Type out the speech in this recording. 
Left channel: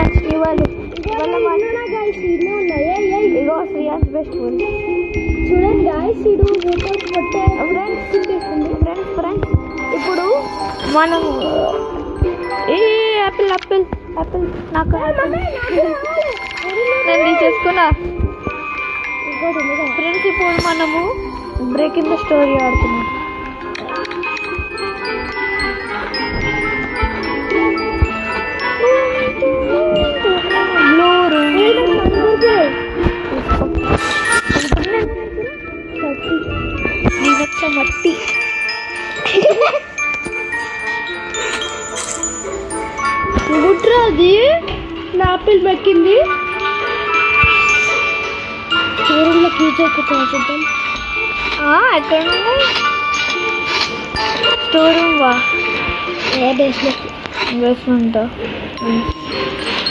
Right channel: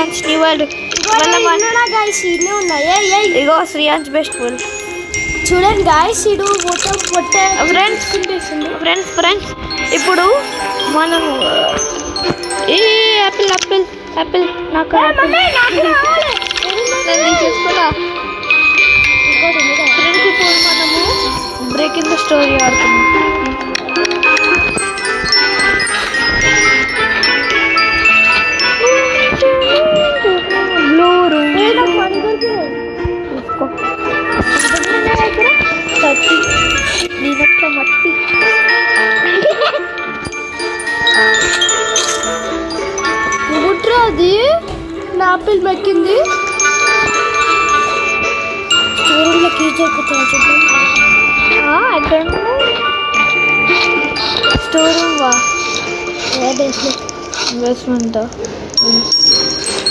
Sreeyans new world. Guys ఇన్నే ఉన్నాయి. ఇగో Sreeyans best world చూడండి గాయస్, ఇడు మొత్తం పొట్టే ఫ్రెండ్స్ ఇప్పుడు మనం ఏ యాపిల్ యాపిల్ యాపిల్ నాకు నేను తీసేసుకున్నా. ఫ్రెండ్స్ ఇప్పుడు మనము బ్రేకింగ్ ద స్టోరీ ఆడుతున్నాం. నేనొక్క మట్టి గుట్రా అది నా ఆపిల్ మెక్కింది. స్టోరీలో కీచొక్కుతున్నా చూద్దాం. ఎక్కడ స్టోర్ రూమ్ వా బేస్మెంట్ ఇన్వెస్ట్మెంట్